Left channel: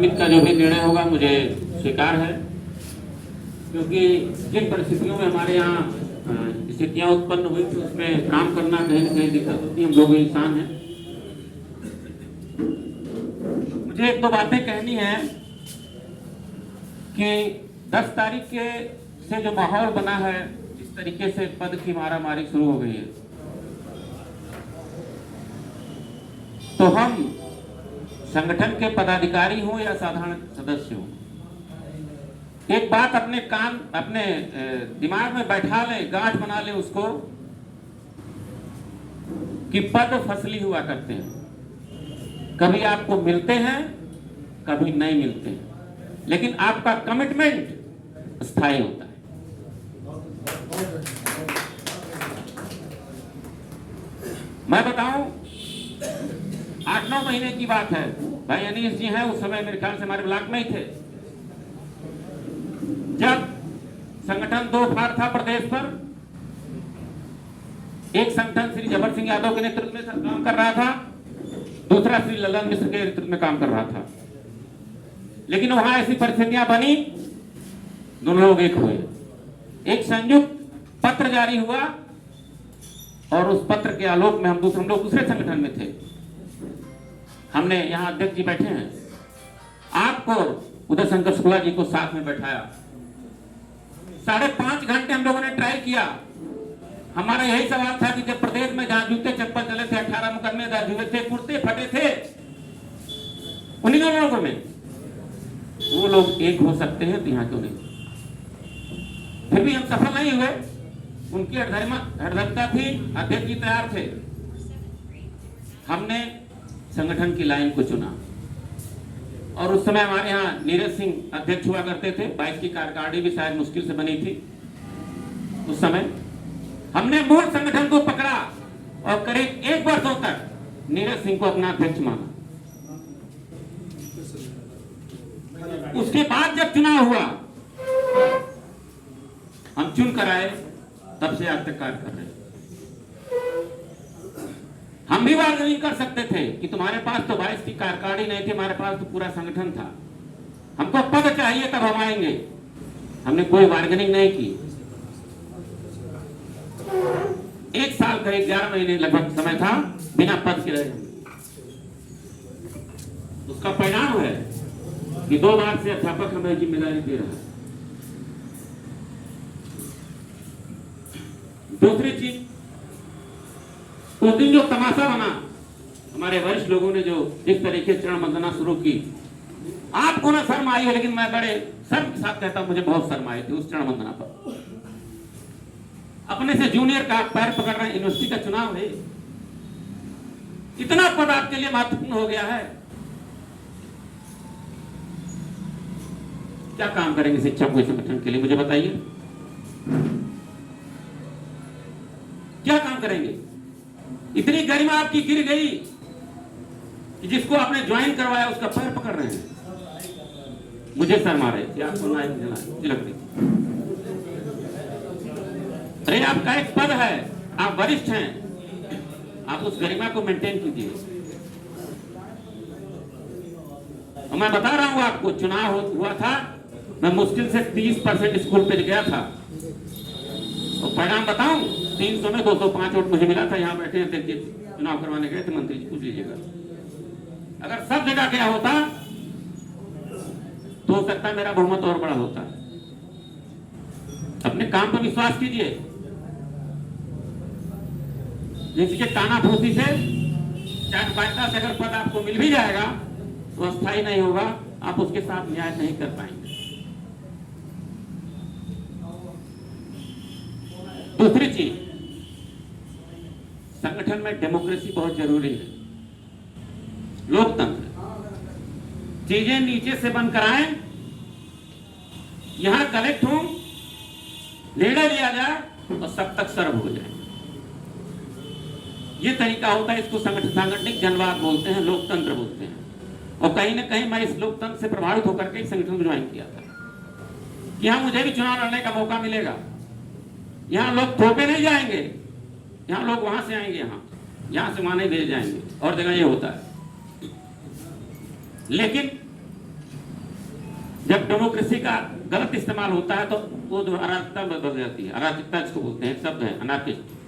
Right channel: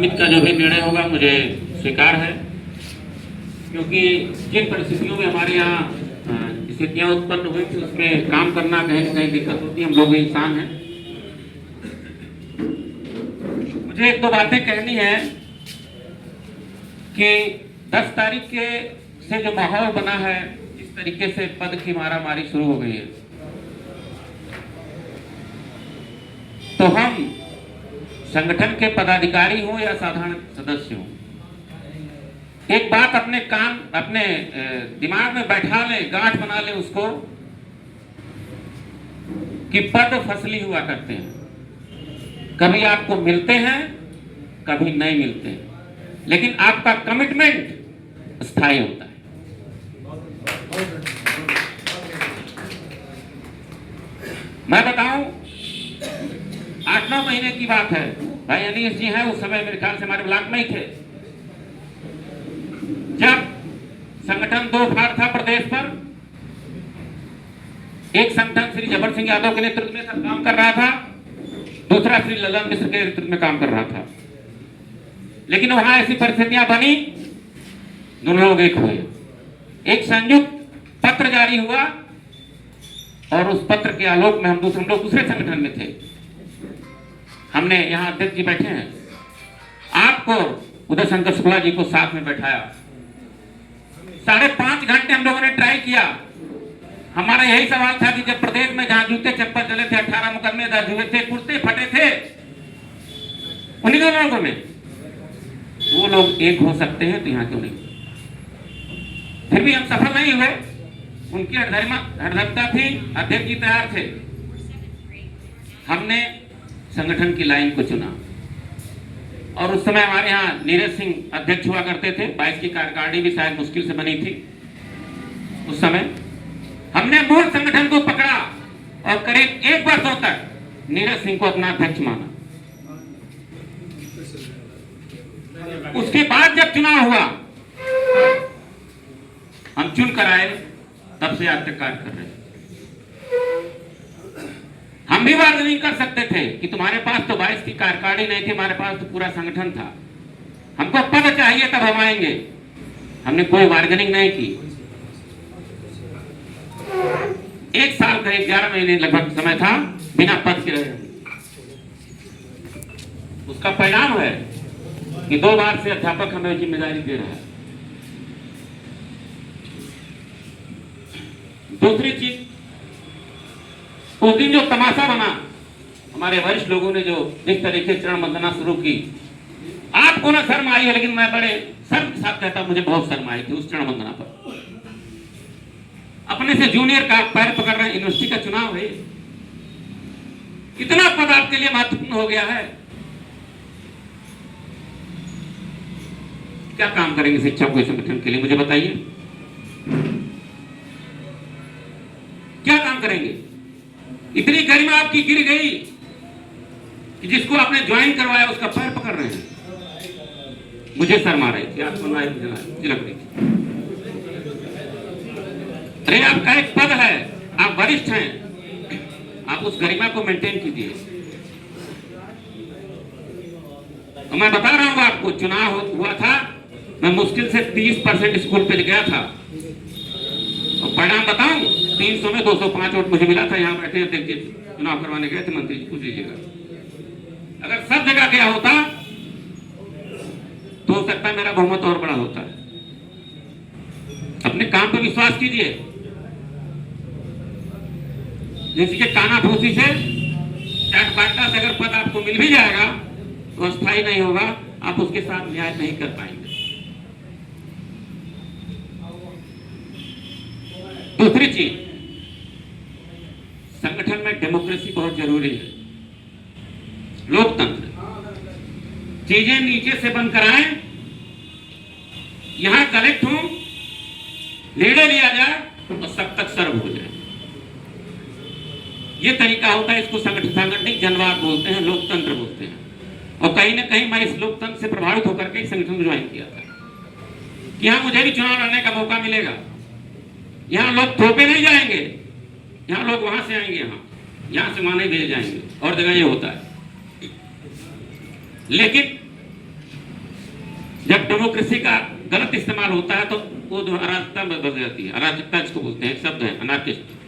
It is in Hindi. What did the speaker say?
समिति का जो भी निर्णय होगा मुझे स्वीकार है, क्योंकि जिन परिस्थितियों में हमारे यहाँ स्थितियाँ उत्पन्न हुई थी उसमें काम करना कहीं न कहीं दिक्कत होती है। हम लोग इंसान हैं। मुझे एक दो बातें कहनी है कि 10 तारीख के से जो माहौल बना है, इस तरीके से पद की मारामारी शुरू हो गई है, तो हम संगठन के पदाधिकारी हों या साधारण सदस्य हों, एक बात अपने दिमाग में बैठा ले, गांठ बना ले उसको, कि पद फसली हुआ करते हैं। कभी आपको मिलते हैं, कभी नहीं मिलते हैं, लेकिन आपका कमिटमेंट स्थायी होता है। मैं बताऊं, 8-9 महीने की बात है, भाई अनीश जी हैं, उस समय मेरे ख्याल से हमारे ब्लॉक में ही थे, जब संगठन 2 भाग था प्रदेश पर। एक संगठन श्री जबर सिंह यादव के नेतृत्व में काम कर रहा था, दूसरा श्री ललन मिश्र के नेतृत्व में काम कर रहा था। लेकिन वहां ऐसी परिस्थितियां बनी, दोनों लोग एक हुए, एक संयुक्त पत्र जारी हुआ, और उस पत्र के आलोक में हम लोग दूसरे संगठन में थे। हमने यहाँ अध्यक्ष जी बैठे हैं, आपको उदय शंकर शुक्ला जी को साथ में बैठाया। 5.5 घंटे हम लोगों ने ट्राई किया। हमारा यही सवाल था कि जब प्रदेश में जहां जूते चप्पल चले थे, 18 मुकदमे दर्ज हुए थे, कुर्ते फटे थे, उन्हीं लोगों में वो लोग एक हो सकते हैं, तो यहाँ क्यों नहीं? फिर भी हम सफल नहीं हुए। उनकी हरदमता थी, अध्यक्ष जी तैयार थे। हमने संगठन की लाइन को चुना, और उस समय हमारे यहाँ नीरज सिंह अध्यक्ष हुआ करते थे। 22 की कार्यकारिणी भी शायद मुश्किल से बनी थी उस समय। हमने मूल संगठन को पकड़ा और करीब 1 वर्षों तक नीरज सिंह को अपना अध्यक्ष माना। उसके बाद जब चुनाव हुआ, हम चुन कर आए, तब से आज तक कार्य कर रहे हैं। हम भी बार्गेनिंग कर सकते थे कि तुम्हारे पास तो 22 की कार्यकारिणी नहीं थी, हमारे पास तो पूरा संगठन था, हमको पद चाहिए तब हम आएंगे। हमने कोई बार्गेनिंग नहीं की। 1 साल का 11 महीने लगभग समय था बिना पद के रहे। उसका परिणाम है कि 2 बार से अध्यापक हमें जिम्मेदारी दे रहा है। दूसरी चीज, उस दिन जो तमाशा बना, हमारे वरिष्ठ लोगों ने जो जिस तरीके से चरण वंदना शुरू की, आपको ना शर्म आई है, लेकिन मैं बड़े शर्म के साथ कहता हूं, मुझे बहुत शर्म आई थी उस चरण वंदना पर। अपने से जूनियर का पैर पकड़ रहे, यूनिवर्सिटी का चुनाव है, इतना पद आपके लिए महत्वपूर्ण हो गया है। क्या काम करेंगे शिक्षकों के संगठन के लिए, मुझे बताइए, क्या काम करेंगे? इतनी गरिमा आपकी गिर गई कि जिसको आपने ज्वाइन करवाया उसका पैर पकड़ रहे हैं। मुझे शर्म आ रही थी, आप सुनाए लग रही। अरे आपका एक पद है, आप वरिष्ठ हैं, आप उस गरिमा को मेंटेन कीजिए। तो मैं बता रहा हूं आपको, चुनाव हुआ था, मैं मुश्किल से 30% स्कूल पे गया था, तो परिणाम बताऊं, 300 में 205 वोट मुझे मिला था। यहाँ बैठे देखिए, चुनाव करवाने गए थे मंत्री जी, पूछ लीजिएगा। अगर सब जगह गया होता तो हो सकता है मेरा बहुमत और बड़ा होता है। अपने काम पे विश्वास कीजिए। जिसके काना भूसी से चाट बांटना से अगर पद आपको मिल भी जाएगा तो अस्थायी नहीं होगा, आप उसके साथ न्याय नहीं कर पाएंगे। दूसरी चीज, संगठन में डेमोक्रेसी बहुत जरूरी है, लोकतंत्र। चीजें नीचे से बंद कराएं, यहां कलेक्ट हो, निर्णय लिया जाए और सब तक सर्व हो जाए। ये तरीका होता है, इसको सांगठनिक जनवाद बोलते हैं, लोकतंत्र बोलते हैं। और कहीं ना कहीं मैं इस लोकतंत्र से प्रभावित होकर के संगठन को ज्वाइन किया था कि यहां मुझे भी चुनाव लड़ने का मौका मिलेगा। यहाँ लोग थोपे नहीं जाएंगे, यहाँ लोग वहां से आएंगे, यहाँ से वहां नहीं भेज जाएंगे, और जगह ये होता है। लेकिन जब डेमोक्रेसी का गलत इस्तेमाल होता है तो वो अराजकता में बदल जाती है। अराजकता जिसको बोलते हैं, शब्द है अनार्किस्ट।